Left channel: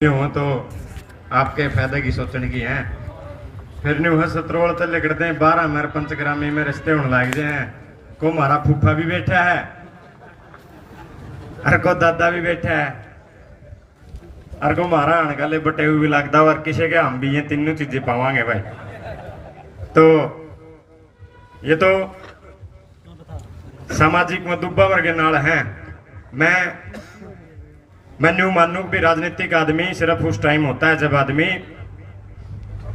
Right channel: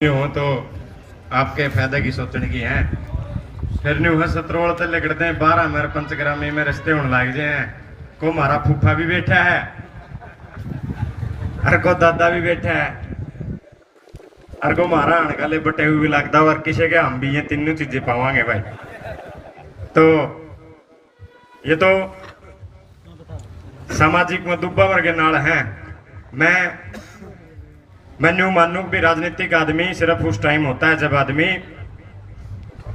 हो तो आपके फायदे की सोचने की है। फिर न्यू है सत्रोल ते लिखते हैं 12 मेरे पंचग्रामी में रिश्ते होने लग जाए हैं। को हमारा फूफा भी बैठा है और को दादा भी बैठा है और को हमारा अणकाले बटे हुए भी लगता है और किसी के हम भी ये तीनों चीजें पावांगे भाई। तो ये तो सामाजिक मदुब्बा वर्ग नाल है। मैं न्यू मानू भी राजनीतिक आदमी सिर्फ उस टाइम होता है जब आदमी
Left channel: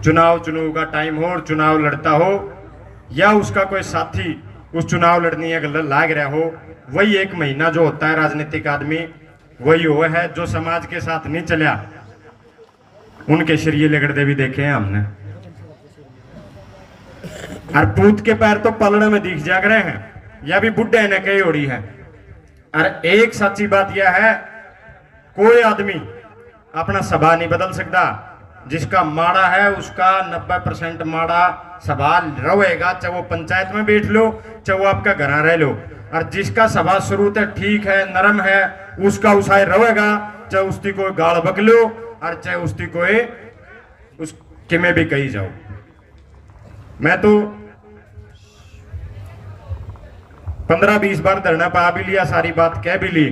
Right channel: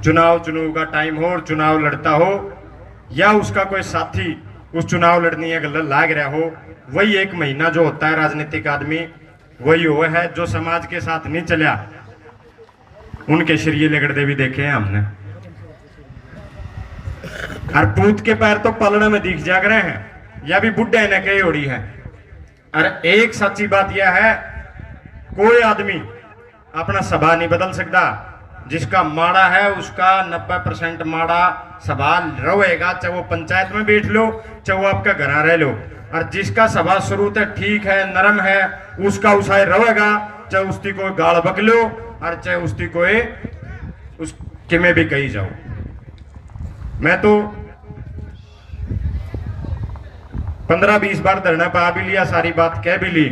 चुनाव का टाइम हो और चुनाव लड़ता हो या उसका कोई साथी उस चुनाव लड़ने लाग रहा हो। वही एक महीना जो होता है राजनीतिक आदमी वही वो है जो समाज के साथ नहीं चला। उनके शरीर लिगड़ते भी देखे हैं हमने और पूत के पैर तो पलड़े में दिख जाग रहे हैं। यह भी बुढ़े ने कही उड़ी है। और एक सच्ची बात यह है कोई आदमी अपना सभा नहीं बदल सकता। जिसका माड़ा है उसका 90% माड़ा सवाल रहेगा, चाहे वो पंचायत में बैठ लो चाहे वो आपका घर रह लो। और जिसका सभा शुरू से ठीक है नरम है उसका उसाय रहेगा, चाहे उसकी कोई गाल बक लो और चाहे उसकी कोई उसके में भी कही जाओ। मैं तो 15-20 बार धरना पा भी लिया, सारी बात कह भी ली,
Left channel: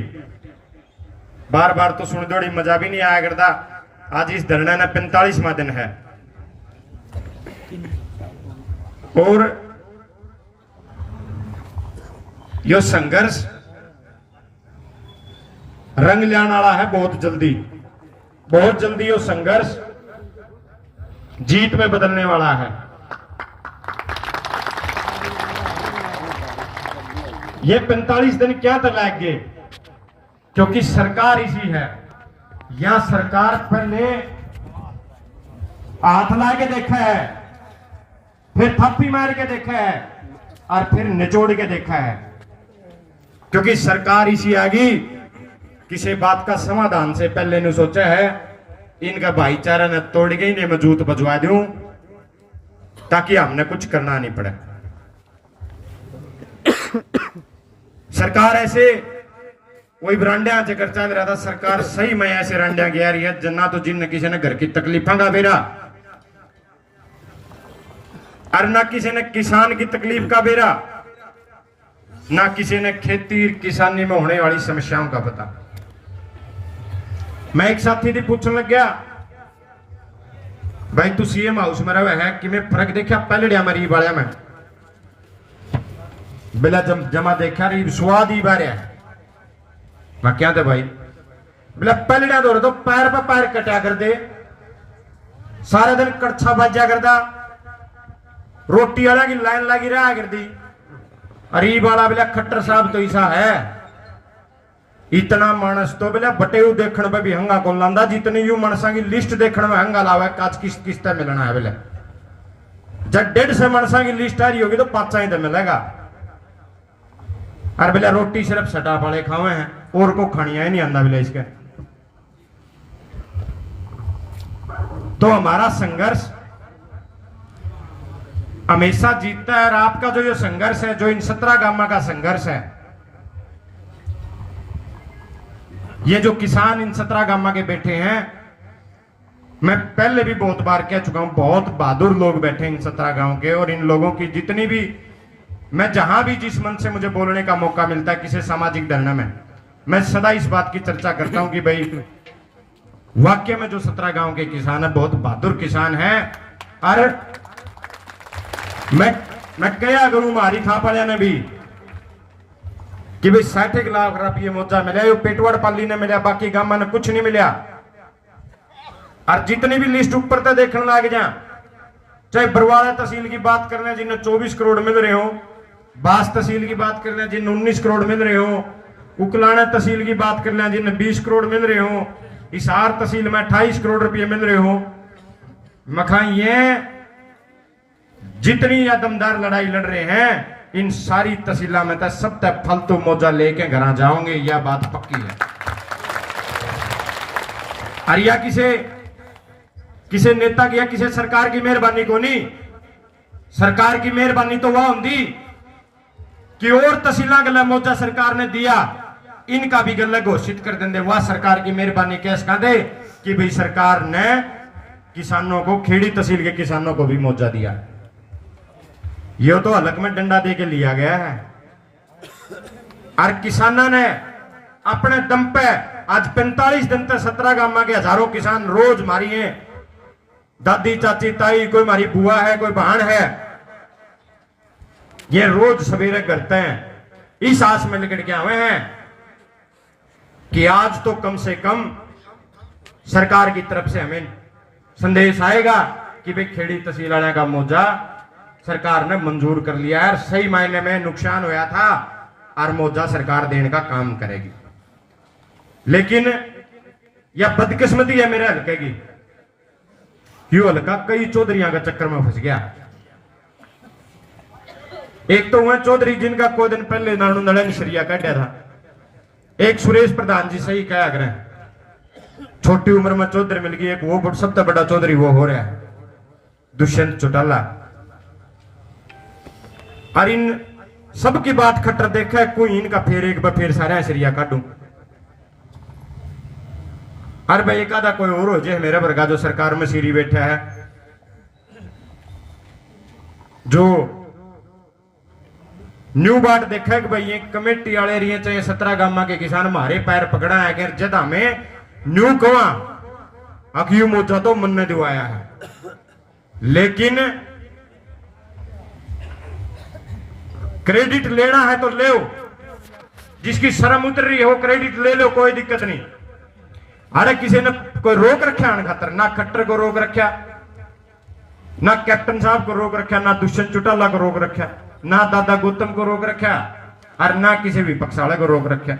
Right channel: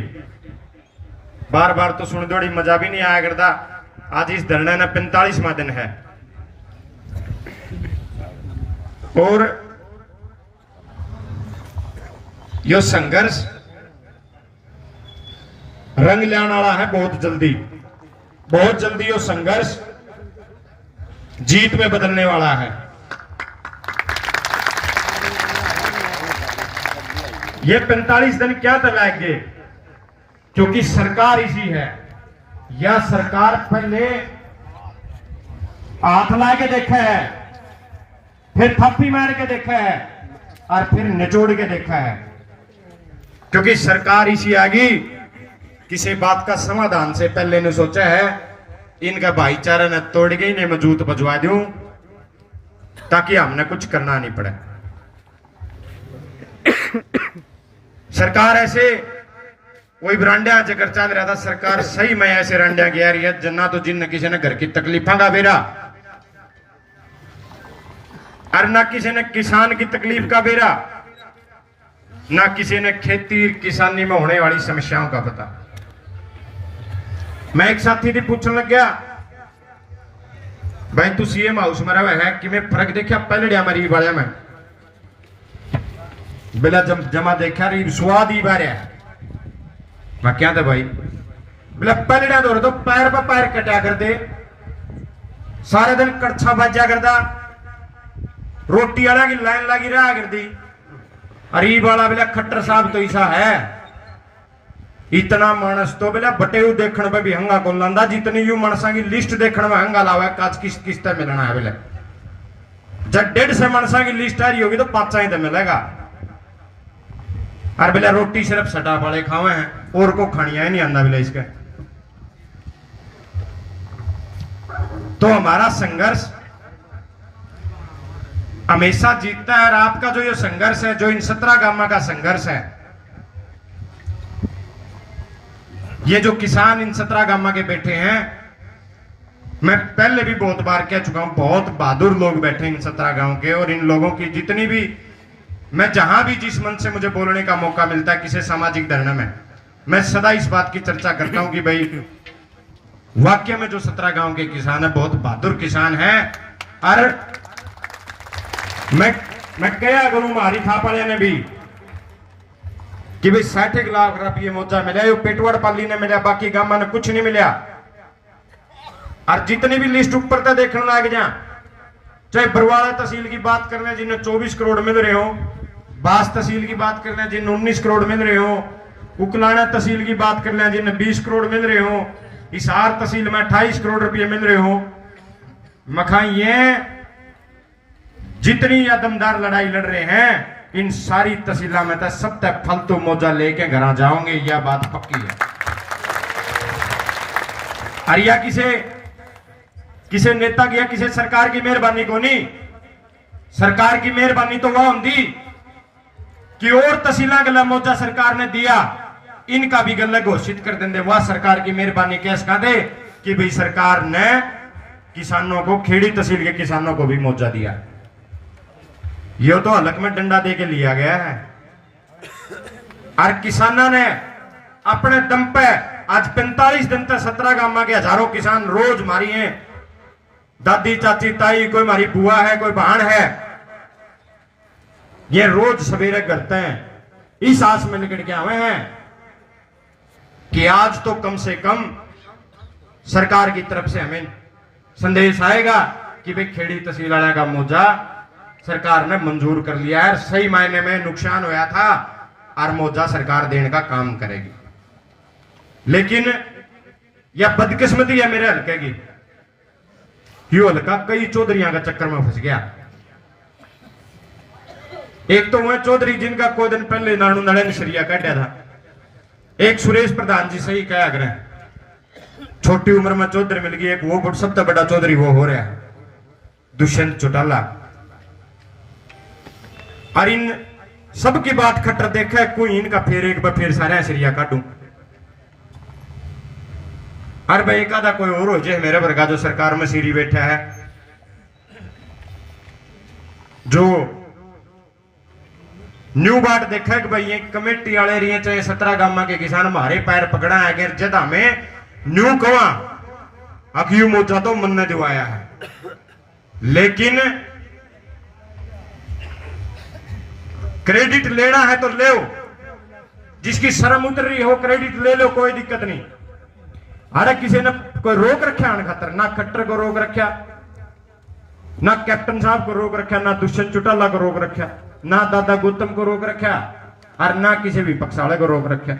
बार बार तो सुन दौड़ी मजा भी नहीं आया करता। आज इस धरना ने 45वां दिन है और यो संघर्ष रंग लाने वाला है बहुत जल्दी यो संघर्ष जीत में बदलने वाला है। ये 45 दिन क्या लगाएंगे क्योंकि सरकार इसी है। यह सरकार पहले हाथ ला के देखा है, फिर थप्पी मार के देखा है और फिर निचोड़ के देखा है। क्योंकि सरकार इसी आगी किसी बात का समाधान से पहले ने सोचा है इनका भाईचारा ने तोड़ के इन्हें मजबूत बजवा दूं ताकि हमने कुछ करना नहीं पड़े। सरकार ऐसे वही बरांडा चक्कर चल रहा था। सरकार सही में ऐसे रंडिया गया रही है जन्ना तो जिन किसी ने घर की तकलीफा का बेरा और ना किसी ने किसान की तकलीफ का बेरा, ना किसी ने खेती किसानी में होने वाली समस्याओं का पता। मैं एक साथी थी पूछने लग गया भाई तू सीएम हाउस में रहे है कि मैं फर्क देखा पहले मरीब वाले में बिला जमा देखा रीब स्वाद ही बारे मैं क्या था भाई बोला पलड़ा दौड़ तो पैर पर पैर कटा कर दे, सारे दिन कड़छा बाजा करता, रोटी वाला की लाइन लगी रहा कर दी। अरीब वाला बोला खट्टर साहब तो ऐसा है इतना मानस तो बोला बटे देखने में भी हंगा कौन लांदा जितनी यू मनसा की लिस्ट देखने में हंगा लावा काच किस्त किस्त मिलना है। बोले जब 150 मनसा की लिस्ट आ रही होगी तो 5 ही तो मिलेगा। और बोले रोटी सिर्फ सटा वाले खावे हैं और को खानिया ही नहीं आंदा बोले इसका। तो हमारा संघर्ष हमेशा जीतता है। और आपका जो ये संघर्ष है जो इन 17 गांवों का संघर्ष है, ये जो किसान इन 17 गांवों के बैठे हैं, मैं पहले भी बहुत बार कह चुका हूं बहुत बहादुर लोग बैठे इन 17 गांव के। और इन लोगों की जितनी भी मैं जहां भी जिस मन से मुझे बोलने का मौका मिलता है किसी सामाजिक धरना में, मैं सदा इस बात की चर्चा करता हूं कि भाई वाकई में जो 17 गांव के किसान है बहुत बहादुर किसान है। और मैं कहा करूं हमारी थाप वाले ने भी कि भाई 60 लाख रुपये मोचा मिले पेटवाड़ पाली ने मिला, बाकी गांव ने कुछ नहीं मिला। और जितनी भी लिस्ट ऊपर तक देखने लग जा, चाहे बरवाड़ा तहसील की बात कर लें जिन्हें 24 करोड़ मिल रहे हो, बास तहसील की बात कर लें जिन्हें 19 करोड़ मिल रहे हो, उकलाना तहसील की बात कर लें जिन्हें 20 करोड़ मिल रहे हो, हिसार तहसील में 28 करोड़ रुपये मिल रहे हो। मखा ये जितनी दमदार लड़ाई लड़ रहे हैं इन सारी तहसीलों में तो सब तक फालतू मौजा लेके घर जाओगे, यह बात पक्की है। अरिया किसे नेता की किसी सरकार की मेहरबानी को नहीं, सरकार की मेहरबानी तो वह होंगी कि और तहसील गला मौजा सरकार ने दिया इनका भी गल्ला घोषित कर देंगे। वाह सरकार की मेहरबानी कैस का दे कि भाई सरकार ने किसानों को, खेड़ी तहसील के किसानों को भी मुआवजा दिया। ये तो हलक में डंडा दे के लिया गया है। और किसानों ने अपने दम पे आज 45 दिन तक 17 गांव के हजारों किसान रोज मारी हैं, दादी चाची ताई, कोई हमारी बुआ है, कोई बहन है, ये रोज सवेरे करते हैं, इस आस में लिकड़ के हुए हैं कि आज तो कम से कम सरकार की तरफ से हमें संदेश आएगा कि भाई खेड़ी तहसील वाले का मुआवजा सरकार ने मंजूर कर लिया है, सही मायने में नुकसान हुआ था और मुआवजा सरकार देने का काम करेगी। लेकिन यह बदकिस्मती है मेरे हल्के की, यू हल्का कई चौधरियों का चक्कर में फंस गया। एक तो वह चौधरी जिनका कोई दिन पहले नानू नड़न सरिया काटा था, एक सुरेश प्रधान जी सही कहा करें, छोटी उम्र में चौधरी मिल गई, एक वो सबसे बड़ा चौधरी वो हो रहा है दुष्यंत चौटाला। और इन सबकी बात खट्टर देखा है, कोई इनका फिर एक बार फिर सारा सरिया काटू। अरे भाई एक आधा कोई और हो जाए मेरे वर्गा जो सरकार में सीरी बैठा है, जो न्यू बात देखा कि भाई एक कमेटी वाले रही चाहे 17 गांव के किसान हमारे पैर पकड़ा है कि जद हमें न्यू कवा अखियू मोचा तो मन ने दिवाया है। लेकिन क्रेडिट लेना है तो ले, जिसकी शर्म उतर रही हो क्रेडिट ले लो, कोई दिक्कत नहीं। अरे किसी ने कोई रोक रखा अन खातर, ना खट्टर को रोक रखा, ना कैप्टन साहब को रोक रखा, ना दुष्यंत चौटाला को रोक रखा, ना दादा गौतम को रोक रखा, और ना किसी भी पक्ष वाले को रोक रखा।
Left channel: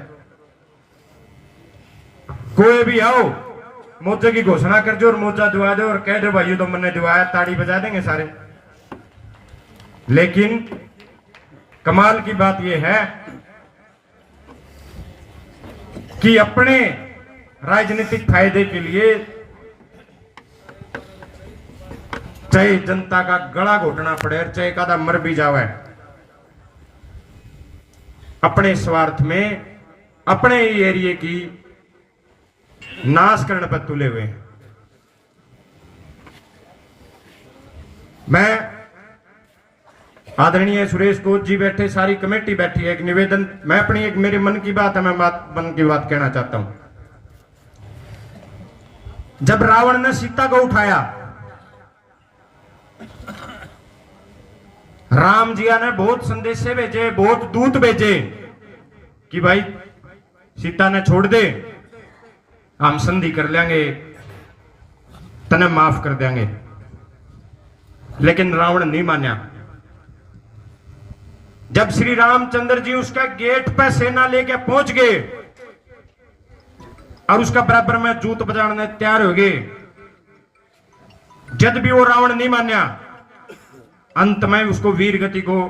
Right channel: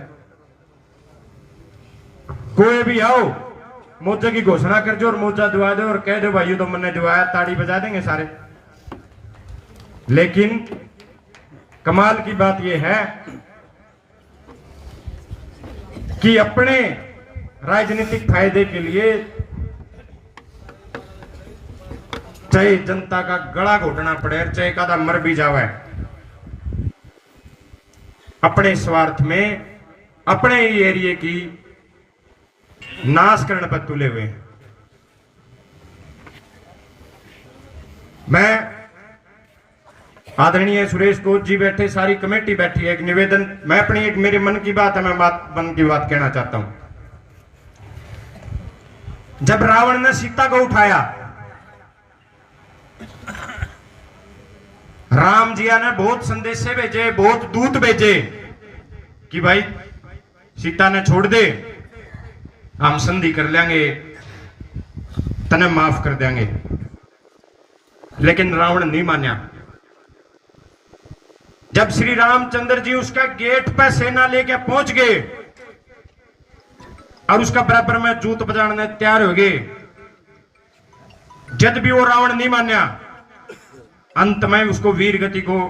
कोई भी आओ मुआवजे की घोषणा कर दो और मुआवजा दिवा दो और कह दो भाई तो मैंने दिवाया, ताड़ी बजा देंगे सारे। लेकिन कमाल की बात यह है कि अपने राजनीतिक फायदे के लिए चाहे जनता का गला घोटना पड़े, चाहे कदा मर भी जावे, अपने स्वार्थ में अपने एरिया की नाश करने पर तुले हुए। मैं आदरणीय सुरेश कोच जी बैठे, सारी कमेटी बैठी है, एक निवेदन, मैं अपनी एक मेरे मन की बात है, मैं मन की बात कहना चाहता हूं। जब रावण ने सीता को उठाया, राम जी ने बहुत संदेश भेजे, बहुत दूत भेजे कि भाई सीता ने छोड़ दे, हम संधि कर लेंगे, तने माफ कर देंगे। लेकिन रावण नहीं माना। जब श्री रामचंद्र जी उसका गेट पे सेना लेके पहुंच गए और उसका बराबर में जूत बजाने तैयार हो गए, जब भी वो रावण नहीं माना, अंत में उसको वीर गति को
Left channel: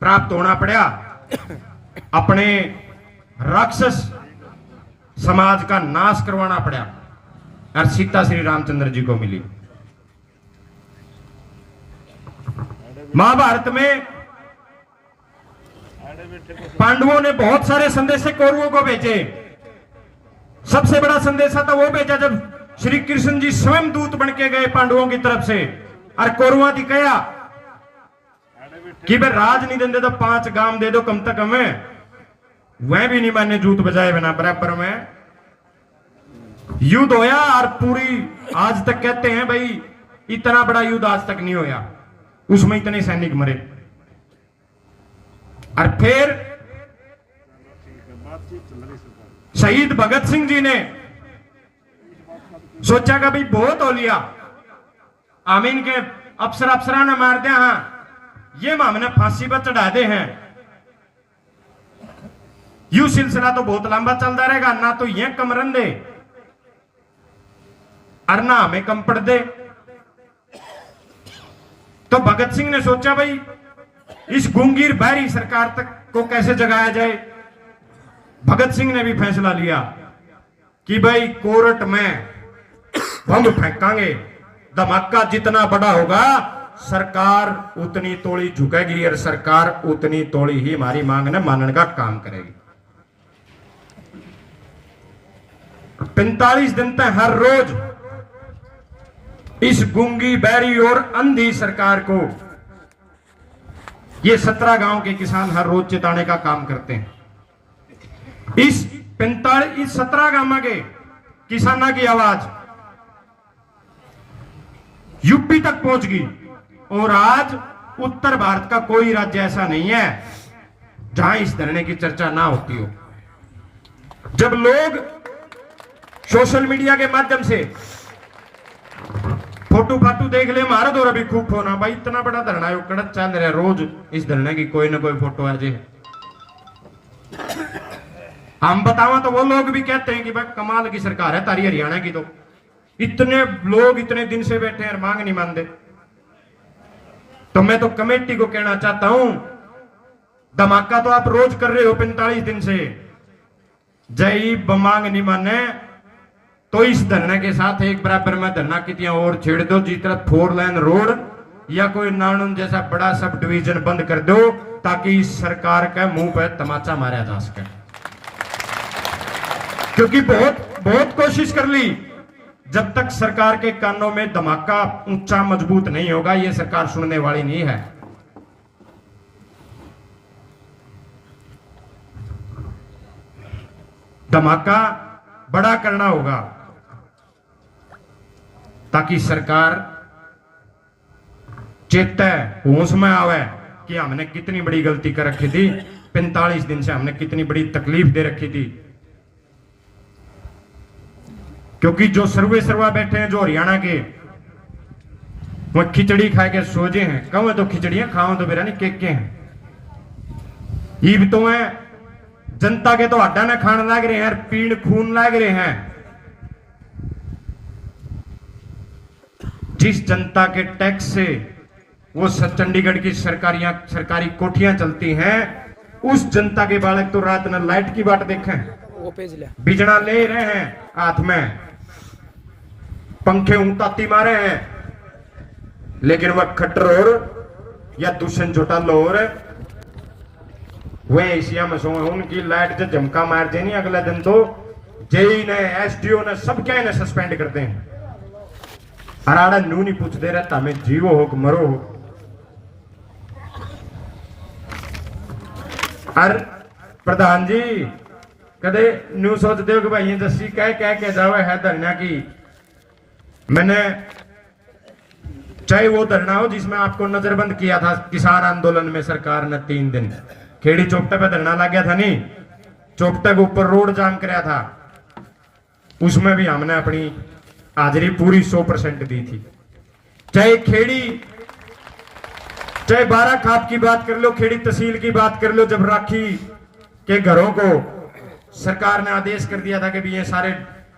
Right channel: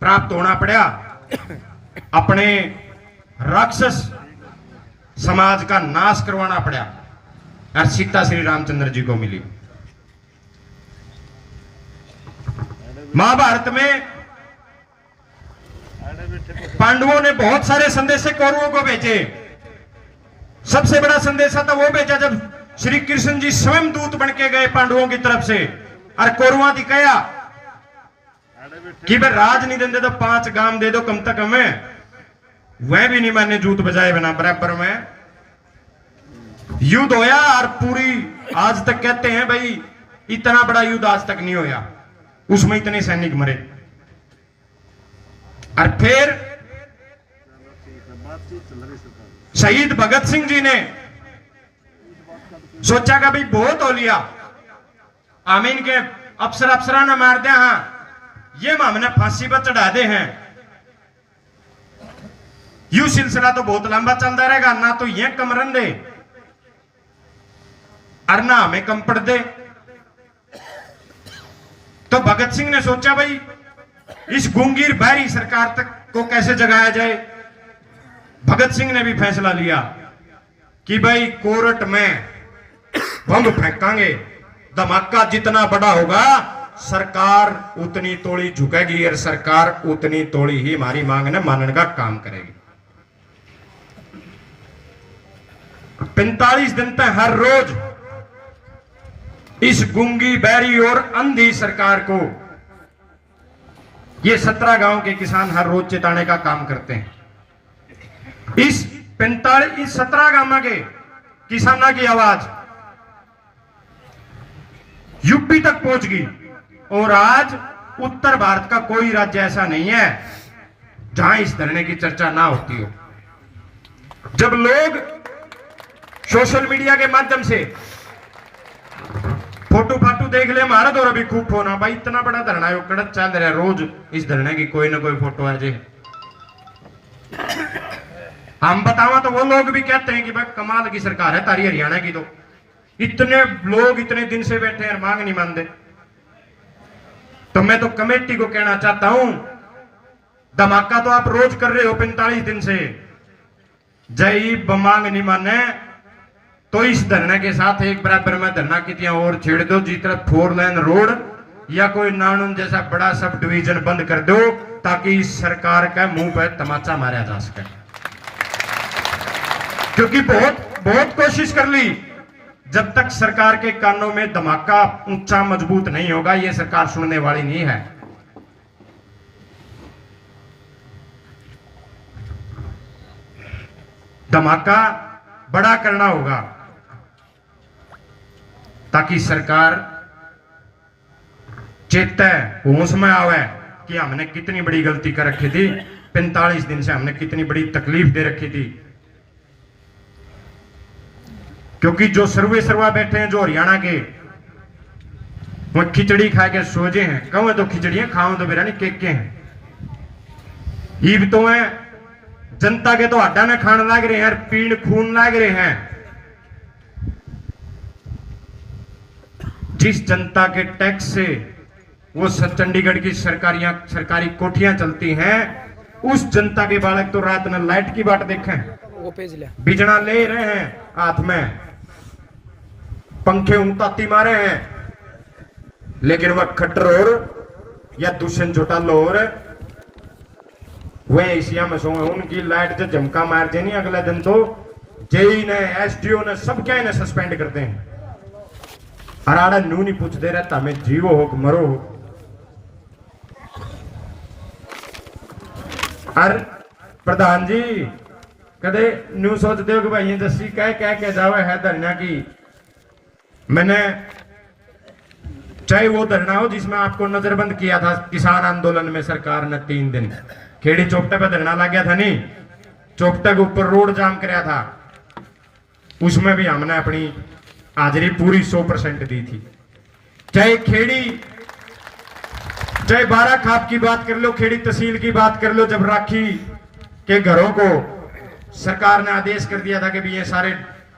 प्राप्त होना पड़ा, अपने राक्षस समाज का नाश करवाना पड़ा और सीता श्री रामचंद्र जी को मिली। महाभारत में पांडवों ने बहुत सारे संदेश कौरवों को भेजे। सबसे बड़ा संदेश था वो भेजा जब श्री कृष्ण जी स्वयं दूत बन के गए पांडवों की तरफ से, और कौरवों की कहा कि भाई राज नहीं देते तो 5 गांव दे दो कम तक हमें, वह भी नहीं माने, जूत बजाए बिना। बराबर में युद्ध होया और पूरी आज तक कहते हैं भाई इतना बड़ा युद्ध आज तक नहीं होया, उसमें इतने सैनिक मरे। और फिर शहीद भगत सिंह जी ने सोचा कि भाई बहुत हो लिया, आमीन के अफसरा ने मार दिया, हाँ ये हमने फांसी पर चढ़ा दे हैं, यू सिलसिला तो बहुत लंबा चलता रहेगा, ना तो ये कम रन दे और ना हमें कम पड़ दे। तो भगत सिंह ने सोचा भाई इस गूंगीर बाहरी सरकार तक को कैसे जगाया जाए। भगत सिंह ने भी फैसला लिया कि भाई कोर्ट में बम फेंकांगे, धमाका जितना बड़ा होगा सरकार उतनी तोड़ी झुकेगी और सरकार उतनी तोड़ी ही हमारी मांग ने मानने का काम करेगी। 45 दिन तक हर रोज इस गूंगी, बहरी और अंधी सरकार को ये 17 गांव के किसान हर रोज चेताने का काम करते हैं। इस 17 गांव के किसानों की आवाज यूपी तक पहुंच गई और आज उत्तर भारत का कोई राज्य ऐसा नहीं है जहां इस धरने की चर्चा ना होती हो। जब लोग सोशल मीडिया के माध्यम से फोटो फाटू देख ले, हमारा तो अभी खूब फोन है भाई, इतना बड़ा धरना है, कड़क चल रहा है, रोज इस धरने की कोई ना कोई फोटो आ जाए। हम बतावा तो वो लोग भी कहते हैं कि भाई कमाल की सरकार है तारी हरियाणा की, तो इतने लोग इतने दिन से बैठे हैं, मांग नहीं मानते। तो मैं तो कमेटी को कहना चाहता हूं, धमाका तो आप रोज कर रहे हो 45 दिन से, जय बमांग नहीं माने तो इस धरने के साथ एक बराबर में धरना कितियां और छेड़ दो, जिस तरह 4 लाइन रोड या कोई नानून जैसा बड़ा सब डिवीजन बंद कर दो, ताकि इस सरकार के मुंह पर तमाचा मारा जा सके। क्योंकि बहुत कोशिश कर ली, जब तक सरकार के कानों में धमाका ऊंचा मजबूत नहीं होगा, यह सरकार सुनने वाली नहीं है। धमाका बड़ा करना होगा ताकि सरकार चेते, होश में आवे कि हमने कितनी बड़ी गलती कर रखी थी, 45 दिन से हमने कितनी बड़ी तकलीफ दे रखी थी। क्योंकि जो सर्वा बैठे हैं, जो हरियाणा के, वो खिचड़ी खा के सोजे हैं, कहूं तो खिचड़ियां, खाऊं तो बिरयानी, केक के हैं। ईब तो है जनता के तो हड्डा न खान लग रहे हैं, पीण खून लग रहे हैं। जिस जनता के टैक्स से वो चंडीगढ़ की सरकारी कोठियां चलती हैं, उस जनता के बालक तो रात में लाइट की बाट देखें, वो पेज ले बिजड़ा ले रहे हैं हाथ में, पंखे उताती मारे हैं, लेकिन वह खट्टर और या दूषण चौटाला और वे एशिया में सो, उनकी लाइट जो झमका मारते नहीं, अगला दिन तो जेई ने, एसडीओ ने, सब क्या इन्हें सस्पेंड करते हैं। हराड़ा नू नहीं पूछते रहता, हमें जीवो हो कि मरो हो। और प्रधान जी कदे न्यू सोचते हो कि भाई ये दसी कह के जावे है धरना की। मैंने चाहे वो धरना हो जिसमें आपको नजरबंद किया था किसान आंदोलन में सरकार ने 3 दिन, खेड़ी चौपटे पे धरना लग गया था, नहीं चौपटे के ऊपर रोड जाम कराया था, उसमें भी हमने अपनी हाजिरी पूरी 100% दी थी। चाहे खेड़ी, चाहे 12 खाप की बात कर लो, खेड़ी तहसील की बात कर लो, जब राखी के घरों को सरकार ने आदेश कर दिया था कि भी ये सारे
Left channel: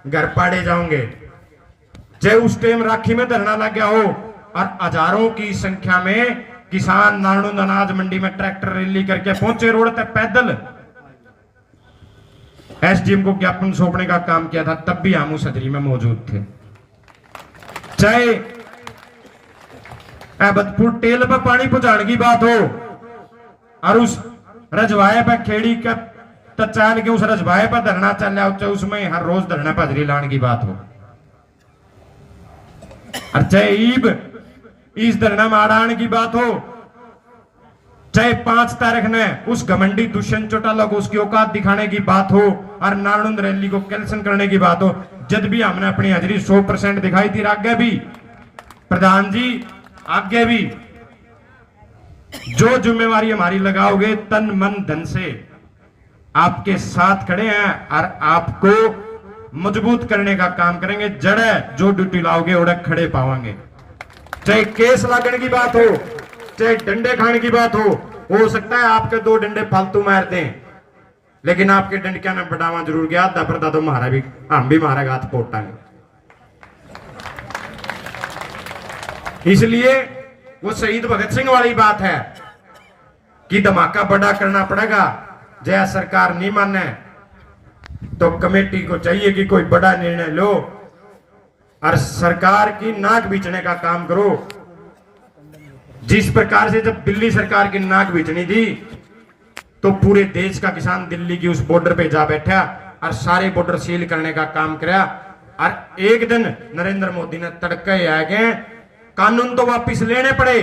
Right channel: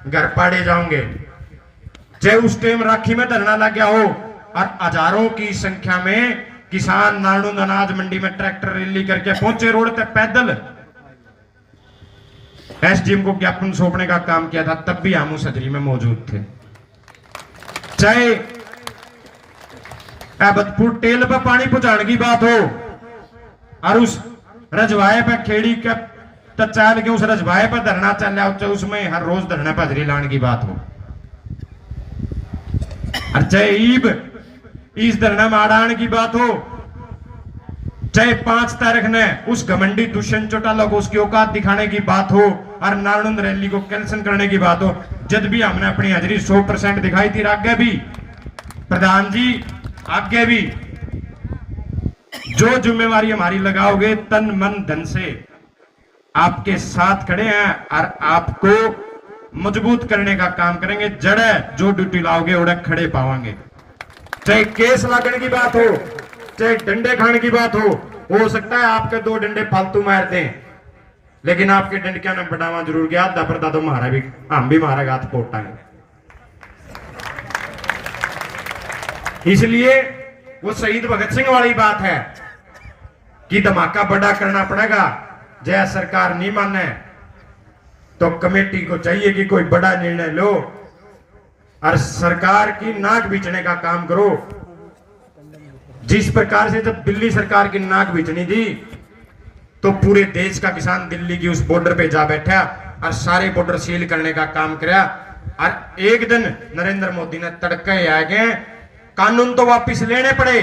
घर पाड़े जाओगे, चाहे उस टाइम राखी में धरना लग गया हो और हजारों की संख्या में किसान नानून अनाज मंडी में ट्रैक्टर रैली करके पहुंचे रोड तक पैदल, एसडीएम को ज्ञापन सौंपने का काम किया था, तब भी हम उस हजरी में मौजूद थे। चाहे बदपुर टेल पर पानी पहुंचाने की बात हो और उस रजवाए पर खेड़ी का तचाल के उस रजवाए पर धरना चल रहा हो, उसमें हर रोज धरना पर हजरी लाने की बात हो, और चाहे ईब इस धरना में आड़ाने की बात हो, चाहे 5 तारीख ने उस घमंडी दुष्यंत चौटाला को उसकी औकात दिखाने की बात हो और नालंद रैली को कैंसिल करने की बात हो, जब भी हमने अपनी हाजिरी 100% दिखाई थी। आगे भी प्रधान जी, आगे भी जो जिम्मेवारी हमारी लगाओगे तन मन धन से आपके साथ खड़े हैं और आपको मजबूत करने का काम करेंगे। जड़े जो ड्यूटी लाओगे उड़े खड़े पावांगे। चाहे केस लागने की बात हो, चाहे डंडे खाने की बात हो सकता है आपके 2 डंडे फालतू मारते हैं, लेकिन आपके डंडकिया ने बढ़ावा जरूर गया, दफरदा तो मारा भी, हम भी मारेगा हाथ पोटांगे। इसलिए वो शहीद भगत सिंह वाली बात है कि धमाका बड़ा करना पड़ेगा। जय सरकार नहीं माने तो कमेटी को चाहिए कि कोई बड़ा निर्णय लो और सरकार की नाक बीचने का काम करो। जिस प्रकार से जब दिल्ली सरकार की नाक बीचनी थी तो पूरे देश का किसान दिल्ली की उस बॉर्डर पे जा बैठा, और सारे बॉर्डर सील करने का काम किया। और एक दिन नरेंद्र मोदी ने तड़के आगे कानून तो वापिस लेने पड़े,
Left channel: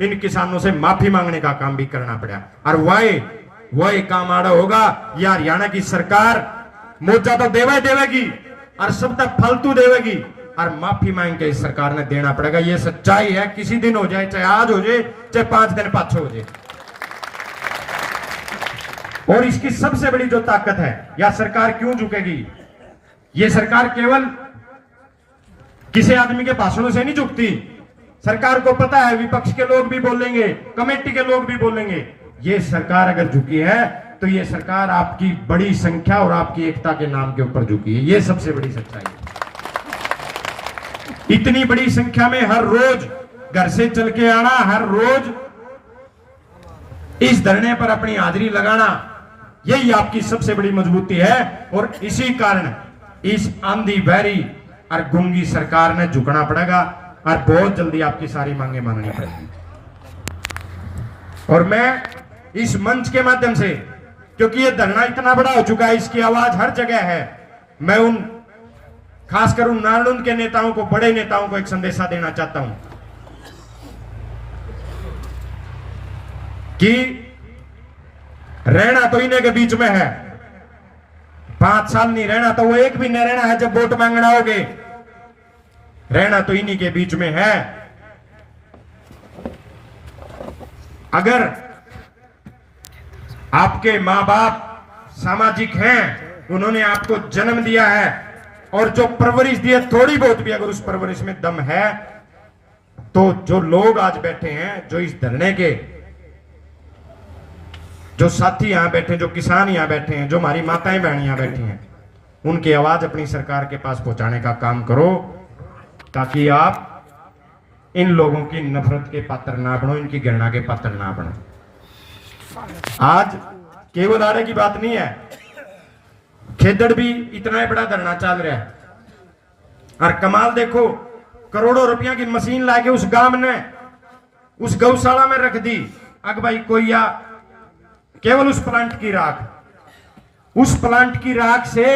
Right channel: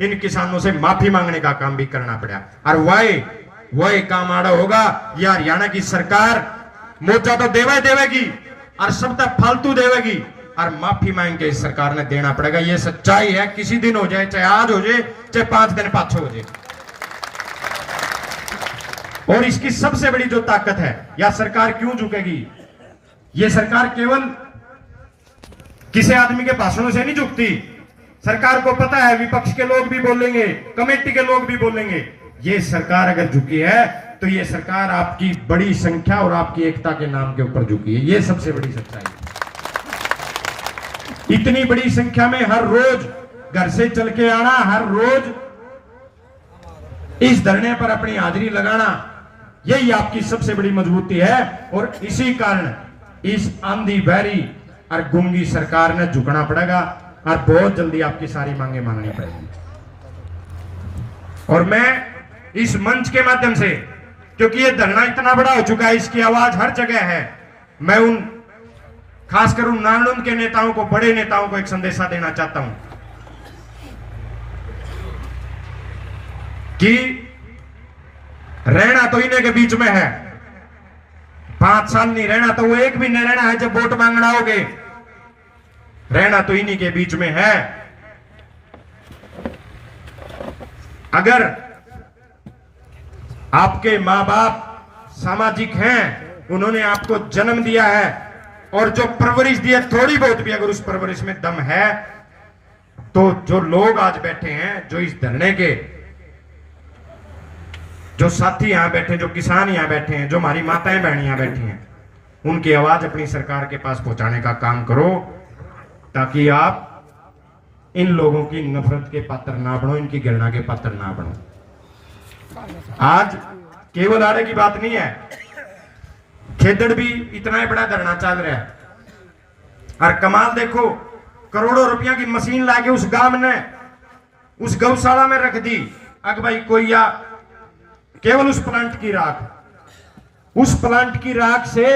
इन किसानों से माफी मांगने का काम भी करना पड़ा। और वही काम आड़ा होगा। ये हरियाणा की सरकार मोर्चा तो देवेगी और सब तक फालतू देवेगी और माफी मांग के इस सरकार ने देना पड़ेगा। ये सच्चाई है, किसी दिन हो जाए, चाहे आज हो जाए, चाहे 5 दिन पाछे हो जाए। और इसकी सबसे बड़ी जो ताकत है, यह सरकार क्यों झुकेगी? ये सरकार केवल किसी आदमी के भाषणों से नहीं झुकती। सरकार को पता है विपक्ष के लोग भी बोलेंगे, कमेटी के लोग भी बोलेंगे। ये सरकार अगर झुकी है तो ये सरकार आपकी बड़ी संख्या और आपकी एकता के नाम के ऊपर झुकी है। ये सबसे बड़ी सच्चाई है। इतनी बड़ी संख्या में हर रोज घर से चल के आना, हर रोज इस धरने पर अपनी हाजिरी लगाना, यही आपकी सबसे बड़ी मजबूती है। और इसी कारण इस आंधी बहरी और गूंगी सरकार ने झुकना पड़ेगा और बहुत जल्दी आपकी सारी मांगे माननी पड़ेगी। और मैं इस मंच के माध्यम से, क्योंकि ये धरना इतना बड़ा हो चुका है, इसकी आवाज हर जगह है, मैं उन खासकर उन नारनौंद के नेताओं को, बड़े नेताओं को एक संदेशा देना चाहता हूं कि रहना तो इन्हीं के बीच में है। 5 साल नहीं रहना, तो वो एक भी नहीं रहना है जब वोट मांगना होगे। रहना तो इन्हीं के बीच में है। अगर आपके मां बाप सामाजिक हैं, उन्होंने आपको जन्म दिया है और जो परवरिश दी है, थोड़ी बहुत भी अगर उस परवरिश में दम है, तो जो लोग आज बैठे हैं, जो इस धरने के जो साथी यहां बैठे, जो किसान यहां बैठे हैं, जो हमारी माताएं बहन यहां बैठी हैं, उनकी आवाज अपनी सरकार के पास पहुंचाने का काम करो, ताकि आप इन लोगों की नफरत के पात्र ना बनो, इनकी घृणा के पात्र ना बनो। आज केवल आरे की बात नहीं है, खेदड़ भी इतना ही बड़ा धरना चल रहा है। और कमाल देखो, करोड़ों रुपया की मशीन लाके उस गांव ने उस गौशाला में रख दी। अग भाई कोई या केवल उस प्लांट की राख से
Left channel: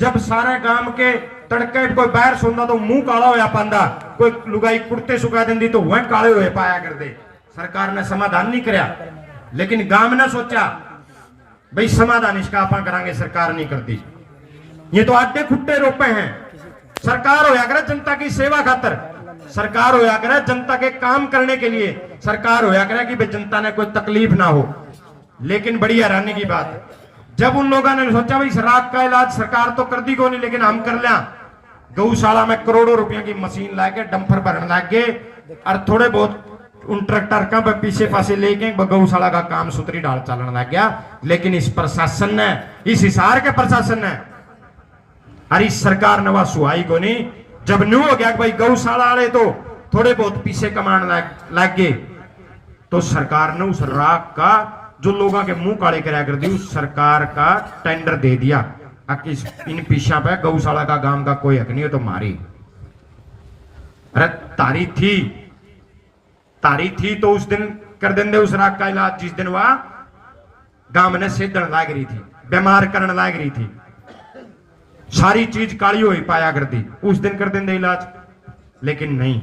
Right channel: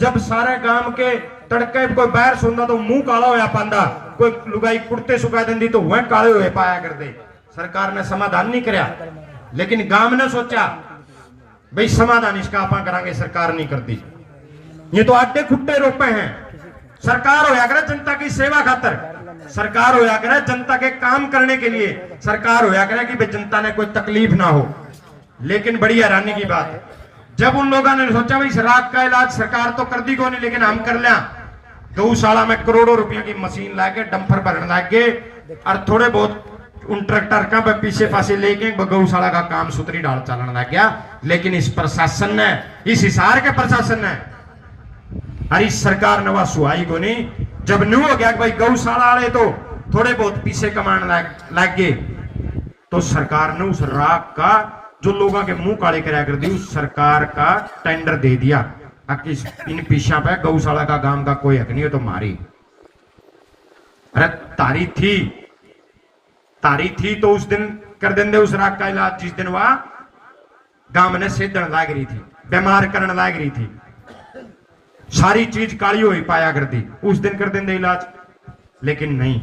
जब सारे गांव के तड़के कोई बाहर सोंदा तो मुंह काला होया पांदा, कोई लुगाई कुर्ते सुखा देंदी तो वह काले हुए पाया कर दे। सरकार ने समाधान नहीं करया, लेकिन गांव ने सोचा भाई समाधान इसका आप करांगे, सरकार नहीं करती। ये तो आटे खुट्टे रोपे हैं। सरकार होया करे जनता की सेवा खातर, सरकार होया करे जनता के काम करने के लिए, सरकार होया करे कि जनता ने कोई तकलीफ ना हो। लेकिन बड़ी हैरानी की बात है, जब उन लोगों ने सोचा भाई शराब का इलाज सरकार तो कर दी को नहीं, लेकिन हम कर लिया, गौशाला में करोड़ों रुपयों की मशीन लाके डंपर भरने लग गए और थोड़े बहुत उन ट्रैक्टर का पीछे पासे लेके गौशाला का काम सुतरी डाल चलने लग गया। लेकिन इस प्रशासन ने, इस हिसार के प्रशासन ने और इस सरकार ने वह सुहाई को नहीं। जब न्यू हो गया कि भाई गौशाला वाले तो थोड़े बहुत पीछे कमाने लग गए, तो सरकार ने उस राख का जो लोगों के मुंह काले कराया कर दी, उस सरकार का टेंडर दे दिया। इन पीछा पे गौशाला का गांव का कोई हक नहीं है तो मारी। अरे तारी थी तो उस दिन कर देंगे उस राख का इलाज, जिस दिन वह गांव ने सेधन लाग रही थी, बीमार करने लाग रही थी, सारी चीज काली हुई पाया करती, उस दिन कर देंगे इलाज। लेकिन नहीं,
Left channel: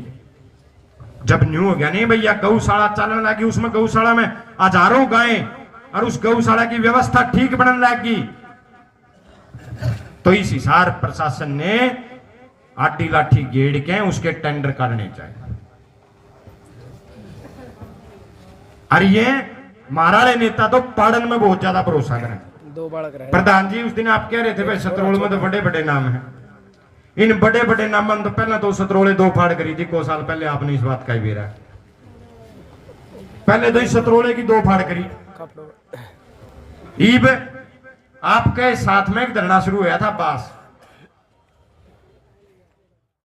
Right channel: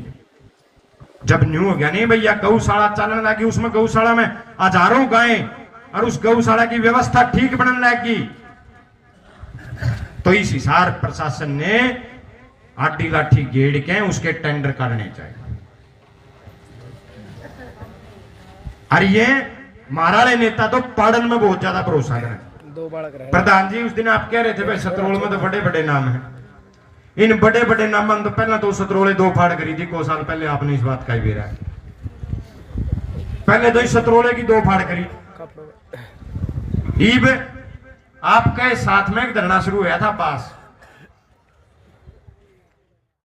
जब न्यू हो गया नहीं भैया गौशाला चलने लगी, उसमें गौशाला में हजारों गायें और उस गौशाला की व्यवस्था ठीक बनने लगी, तो इस हिसार प्रशासन ने आटी लाठी गेड़ के उसके टेंडर करने चाहिए। और ये महाराले नेता तो पाड़न में बहुत ज्यादा भरोसा करें। 2 बालक रहे प्रधान जी उस दिन आप कह रहे थे भाई सतरोल में तो बड़े बड़े नाम हैं, इन बड़े बड़े नाम तो पहला तो सतरोले 2 फाड़ करी थी, 2 साल पहले आपने इस बात का ही बेरा, पहले तो इस सतरोले की 2 फाड़ करी। ईब आपके साथ में एक धरना शुरू हुआ था बास,